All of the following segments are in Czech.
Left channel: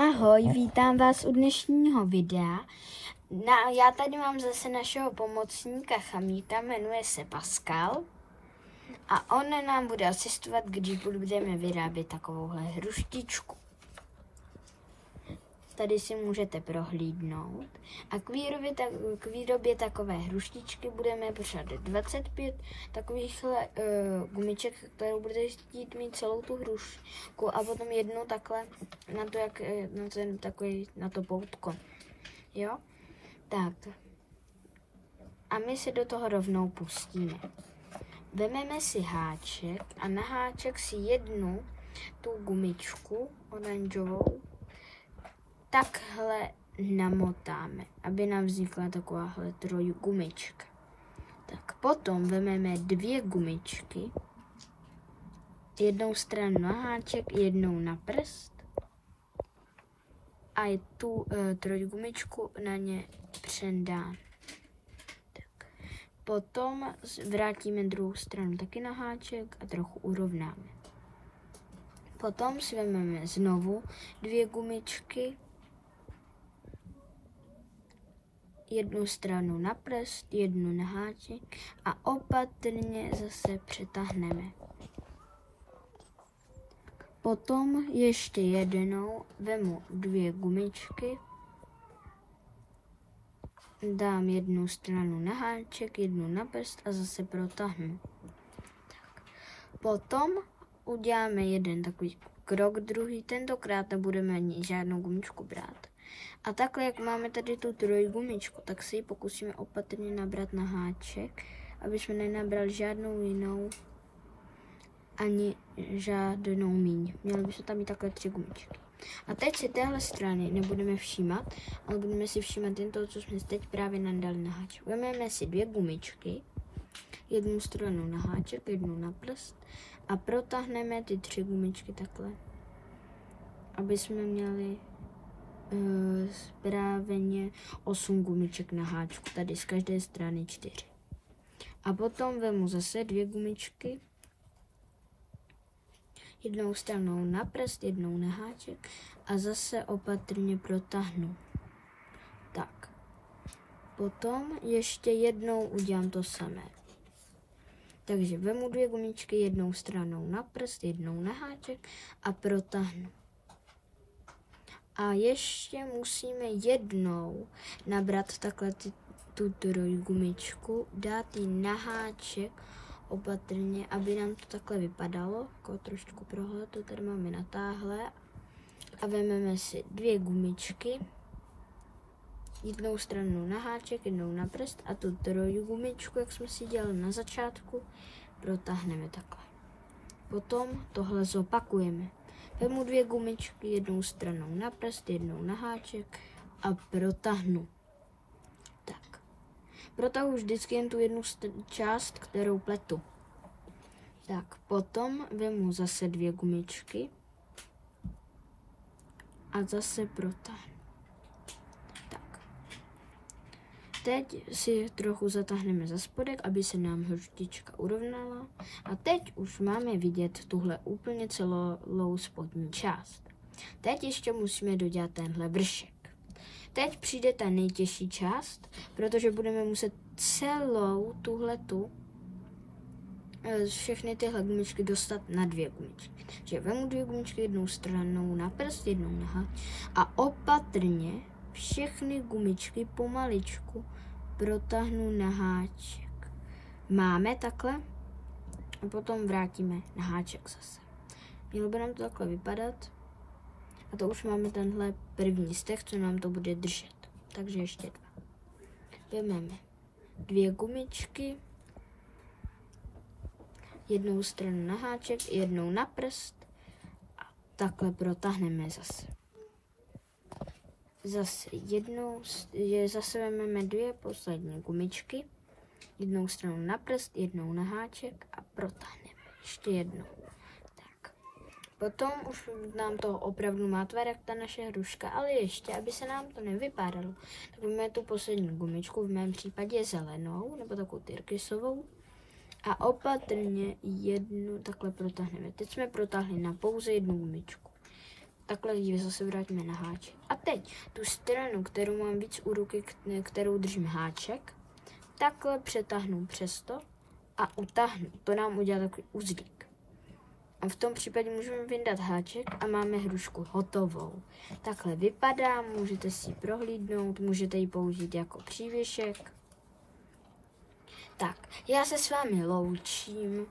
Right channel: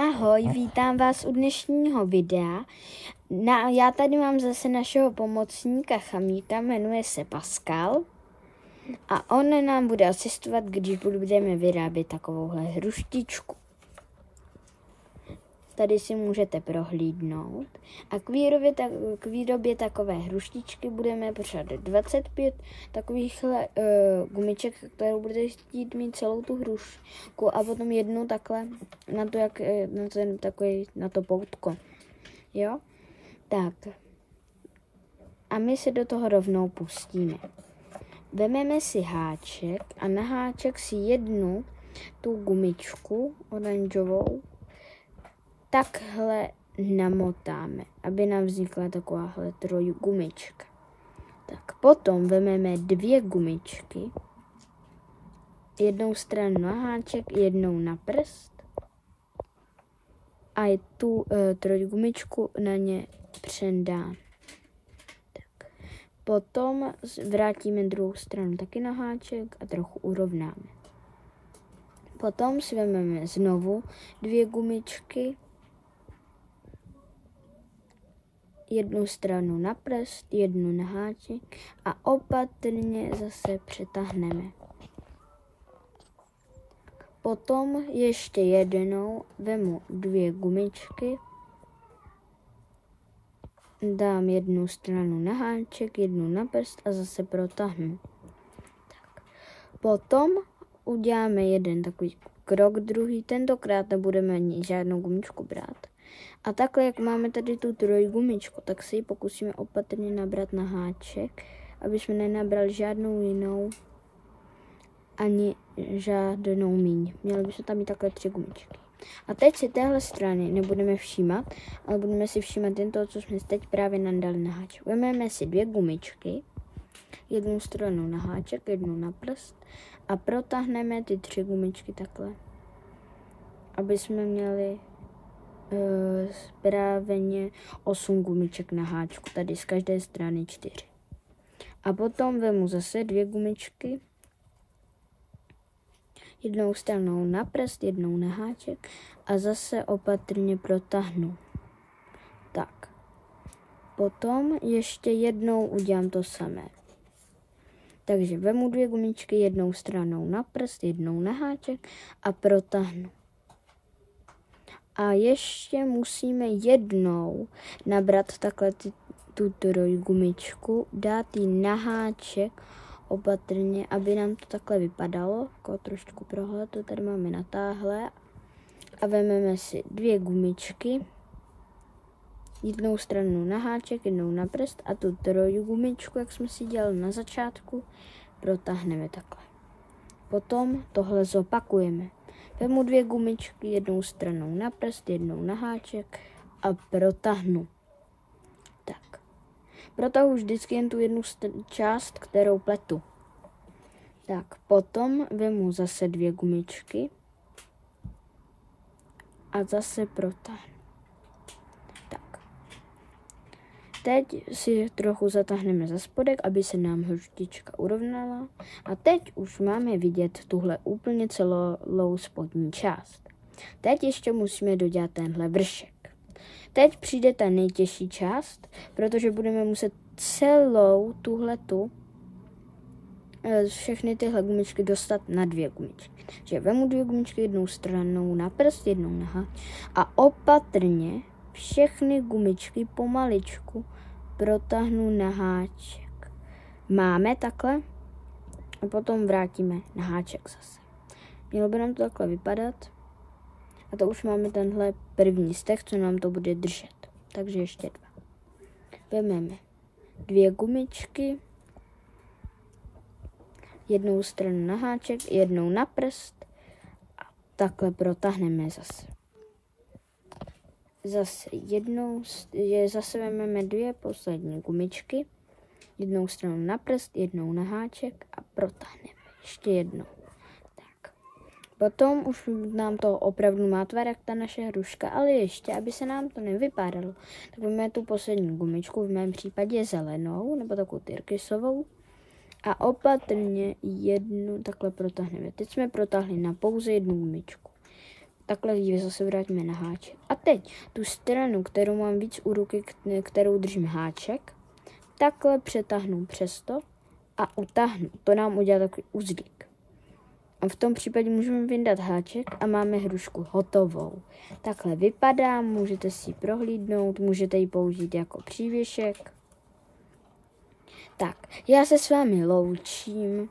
Ahoj, vítám vás u dnešního videa. Já tady mám zase našeho pomocníka Chamíta, jmenuje se Pascal. A on nám bude asistovat, když budeme vyrábět takovouhle hruštičku. Tady si můžete prohlídnout. A k výrobě takové hruštičky budeme potřebovat 25 takovýchhle gumiček, kterou budete chtít mít celou tu hrušku, a potom jednu takhle na to, na to poutko. Jo? Tak. A my se do toho rovnou pustíme. Vememe si háček a na háček si jednu tu gumičku oranžovou takhle namotáme, aby nám vznikla takováhle trojgumička. Tak potom vememe dvě gumičky, jednou stranu na háček, jednou na prst a tu trojgumičku na ně přendáme. Tak. Potom vrátíme druhou stranu taky na háček a trochu urovnáme. Potom si vezmeme znovu dvě gumičky, jednu stranu na prst, jednu na háček a opatrně zase přetáhneme. Potom ještě jednou vemu dvě gumičky, dám jednu stranu na háček, jednu na prst a zase protáhnu. Tak. Potom uděláme jeden takový krok, druhý, tentokrát nebudeme ani žádnou gumičku brát. A takhle, jak máme tady tu trojgumičku, tak si ji pokusíme opatrně nabrat na háček, aby jsme nenabrali žádnou jinou, ani žádnou míň. Měli bychom tam mít takhle 3 gumičky. A teď si téhle strany nebudeme všímat, ale budeme si všímat jen toho, co jsme teď právě nadali na háček. Vezmeme si dvě gumičky, jednu stranu na háček, jednu na prst a protáhneme ty 3 gumičky takhle, aby jsme měli správně 8 gumiček na háčku, tady z každé strany 4. A potom vemu zase dvě gumičky, jednou stranou na prst, jednou na háček a zase opatrně protáhnu. Tak. Potom ještě jednou udělám to samé. Takže vemu dvě gumičky, jednou stranou na prst, jednou na háček a protáhnu. A ještě musíme jednou nabrat takhle tu trojgumičku, dát ji na háček opatrně, aby nám to takhle vypadalo. Jako trošku prohled, to tady máme natáhle. A vezmeme si dvě gumičky, jednou stranu na háček, jednou na prst a tu trojgumičku, jak jsme si dělali na začátku, protáhneme takhle. Potom tohle zopakujeme. Vemu dvě gumičky, jednou stranou na prst, jednou na háček a protáhnu. Tak. Protahu vždycky jen tu jednu část, kterou pletu. Tak, potom vemu zase dvě gumičky a zase protáhnu. Tak. Teď si trochu zatáhneme za spodek, aby se nám hruštička urovnala. A teď už máme vidět tuhle úplně celou spodní část. Teď ještě musíme dodělat tenhle vršek. Teď přijde ta nejtěžší část, protože budeme muset celou tuhletu, všechny tyhle gumičky dostat na dvě gumičky. Takže vemu dvě gumičky, jednou stranou na prst, jednou na háček a opatrně všechny gumičky pomaličku protáhnu na háček. Máme takhle a potom vrátíme na háček zase. Mělo by nám to takhle vypadat. A to už máme tenhle první steh, co nám to bude držet. Takže ještě dva. Vezmeme dvě gumičky, jednou stranu na háček, jednou na prst a takhle protáhneme zase. Zase vezmeme dvě poslední gumičky, jednou stranu na prst, jednou na háček a protáhneme. Ještě jednou. Potom už nám to opravdu má tvar jak ta naše hruška, ale ještě, aby se nám to nevypadalo, tak vezmeme tu poslední gumičku, v mém případě zelenou, nebo takovou tyrkysovou, a opatrně jednu takhle protáhneme. Teď jsme protáhli na pouze jednu gumičku. takhle ji zase vrátíme na háček. A teď tu stranu, kterou mám víc u ruky, kterou držím háček, takhle přetáhnu přes to a utáhnu. To nám udělá takový uzlík. A v tom případě můžeme vyndat háček a máme hrušku hotovou. Takhle vypadá, můžete si ji prohlídnout, můžete ji použít jako přívěšek. Tak, já se s vámi loučím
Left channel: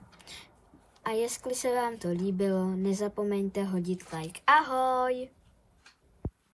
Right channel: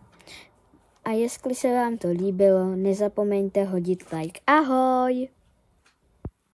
a jestli se vám to líbilo, nezapomeňte hodit like. Ahoj!